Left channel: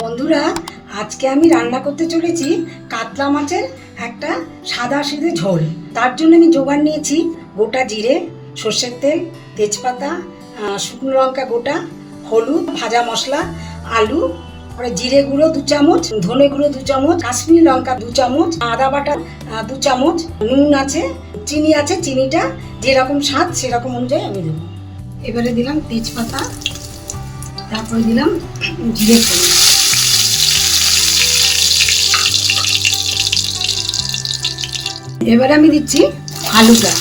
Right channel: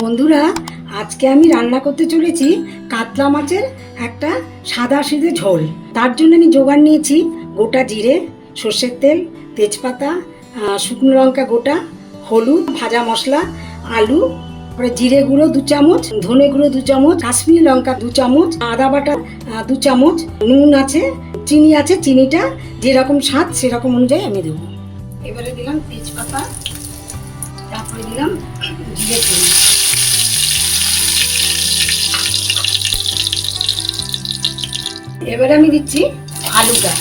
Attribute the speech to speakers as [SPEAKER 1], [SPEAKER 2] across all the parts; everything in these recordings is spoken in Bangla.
[SPEAKER 1] বন্ধুরা, আজকে আমি রান্না করতে চলেছি কাতলা মাছের একটা সাদা সিধে ঝোল। তার জন্য আমি জোগাড় নিয়েছি গোটা জিরে, সর্ষের তেল, তেজপাতা শুকনো লঙ্কা গোটা, হলুদ, ভাজা মশলা, আলু, তারপরে জিরে গুঁড়ো দু চামচ, ধনে গুঁড়ো দু চামচ, কাশ্মীরি লঙ্কা দু চামচ, আদা বাটা দু চামচ, নুন আছে, চিনি আছে, চিনিটা যেরকম স্বাদ সেরকম অনুযায়ী আমি দেবো। এবারে দিলাম তেজপাতা, তারপরে দিলাম জিরে ফোড়ন। এবারে আমি দিচ্ছি আলুটা।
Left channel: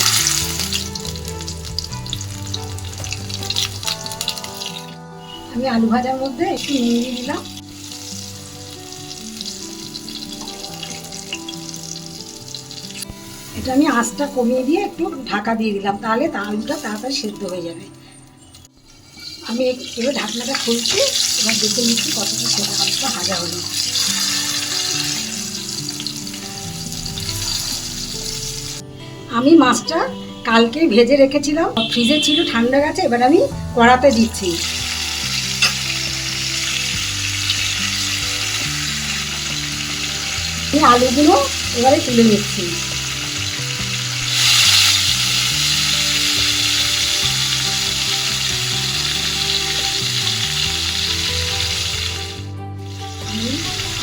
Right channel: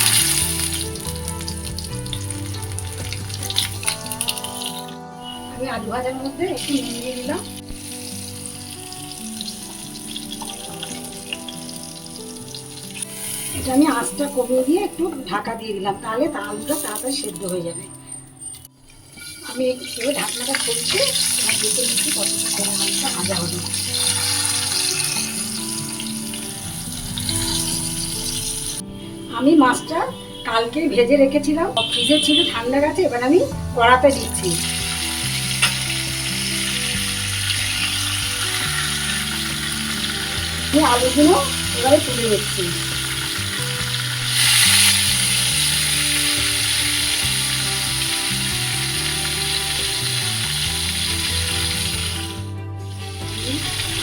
[SPEAKER 1] আমি আলু ভাজার মধ্যে একটু নুন দিয়ে দিলাম। এটা আমি আঁচটা কমিয়ে দিয়ে একটু ঢাকা দিয়ে দিলাম, তাহলে আলুটা তাড়াতাড়ি সেদ্ধ হয়ে যাবে। আমি এবার ঢাকনাটা খুলছি, এবার দেখে নিচ্ছি কতটা আলুটা ভাজা হলো আমি মাছটা কালকেই ভেজে রেখেছিলাম। ফ্রিজে ছিল, ঠান্ডা গেছে, এবার আমি কড়াতে দিচ্ছি। আলুগুলো এবারে তুলে নিচ্ছি।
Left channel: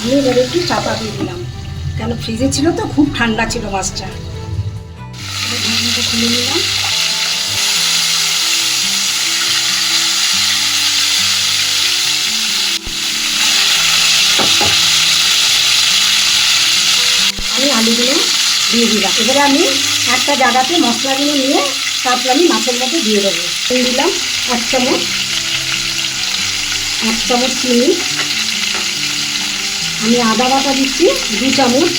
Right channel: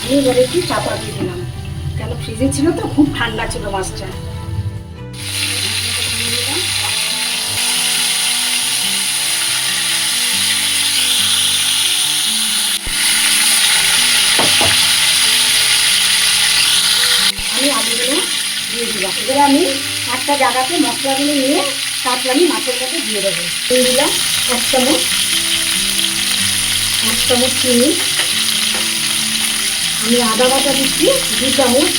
[SPEAKER 1] আমি এবারে একটু চাপা দিয়ে দিলাম। কেন, ফ্রিজে ছিল তো, খুব ঠান্ডা ছিল মাছটা। খুলে নিলাম আমি আলুগুলো দিয়ে দিলাম। এবারে আমি একটা জায়গাতে মশলাগুলো নিয়ে তারপর আমি মাছের মধ্যে দিয়ে দেবো। দিয়ে দিলাম এক চামচ এক চামচ চিনি। আমি আদা বাটা দিচ্ছি, দু চামচ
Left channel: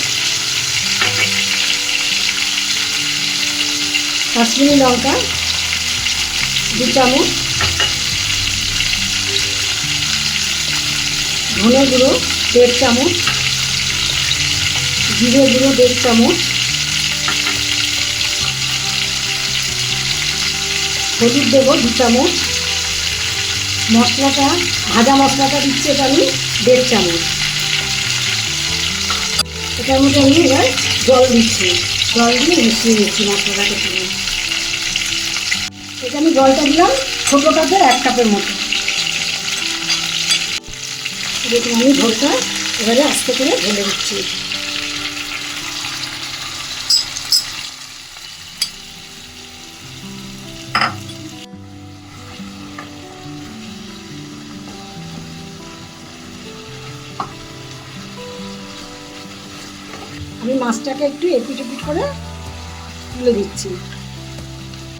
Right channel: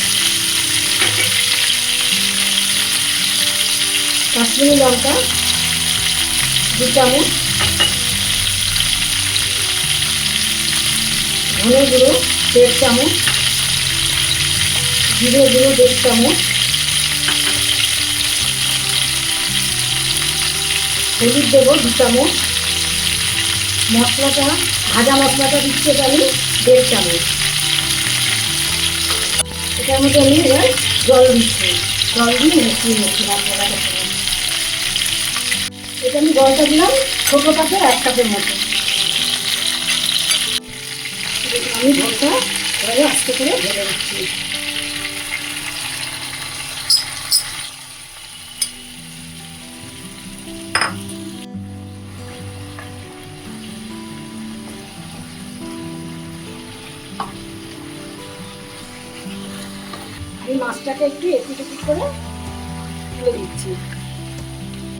[SPEAKER 1] কাশ্মীরি লঙ্কা, দু চামচ, ধনে গুঁড়ো, দেড় চামচ, জিরে গুঁড়ো, দেড় চামচ, হলুদ দেবো দু চামচ, মশলাটা, ভাজা মশলাটা দিচ্ছি আমি, দেড় চামচ এটার মধ্যে আমি এবার জল দিচ্ছি, জল দিয়ে মিশিয়ে নিচ্ছি মশলাটাকে পুরো। এটা আমি জলটা দিলাম, ছোটো কাপের এক কাপের মতো। আমি ঝোলটা এবারে আস্তে করে ঢেলে দিচ্ছি। আমি মাছটাকে একটু এপিট এপিট করে তুলে দিচ্ছি।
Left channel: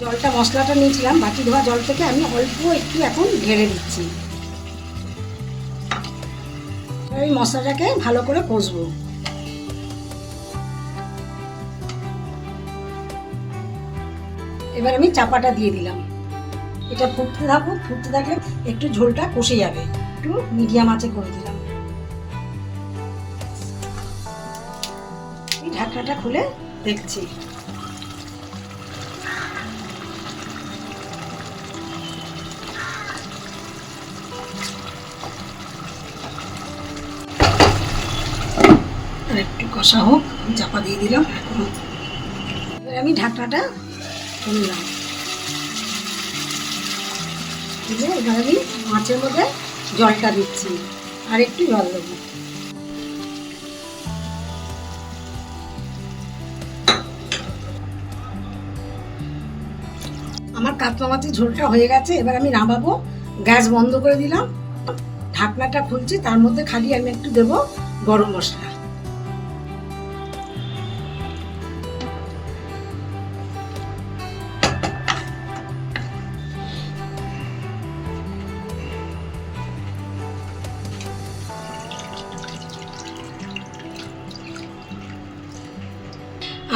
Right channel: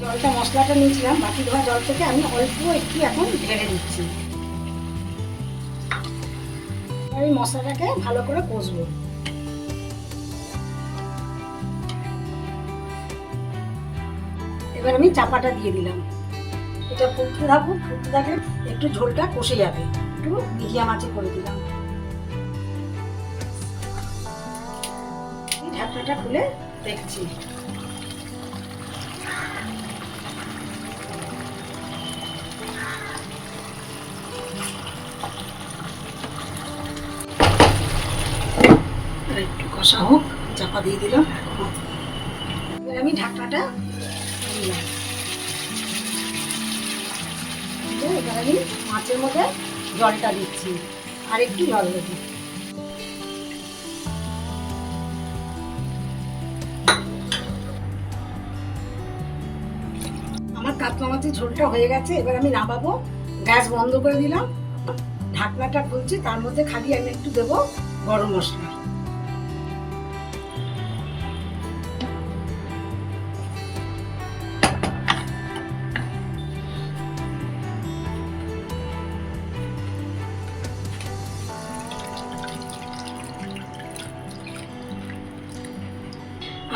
[SPEAKER 1] জলটা, মশলাটা নিয়েছিলাম বাটি ধোয়া জল থেকে আমি অল্প একটু এখন ঢেলে দিচ্ছি। এবার আমি মশলাটাকে ভালো করে কষবো। এবার আমি চাপাটা দিয়ে দিলাম। এটা ফুটতে থাকুক, ফুটতে থাকলে একটু ঝোলটা কষে যাবে। একটু মিডিয়াম আঁচে করে দিলাম। এই ঢাকনাটা খুলে দেখছি। কষা হোক চাপা দিয়ে দিলাম এবার আমি ঢাকনাটা খুললাম এবার আমি মাছের মধ্যে জলটা দিচ্ছি, আর একটু জল দেবো। আমার কাতলা মাছের ঝোলটা হয়ে গেছে, এবার আমি নামাবো, গ্যাস বন্ধ করে দিলাম। ঢাকনাটা খুলছি, তার মধ্যে খালি আমি একটু দেবো গরম মশলা।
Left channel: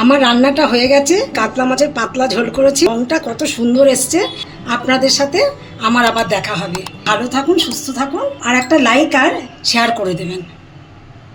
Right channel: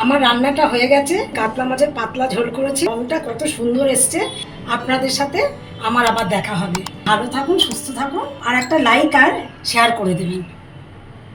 [SPEAKER 1] আমার রান্নাটা হয়ে গেছে। কাতলা মাছের পাতলা ঝোল করেছি। রংটা কত সুন্দর এসছে। আপনাদের সাথে আমার আবার দেখা হবে। ভালো থাকুন, সুস্থ থাকুন। আর একটা লাইক আর শেয়ার করে দেবেন।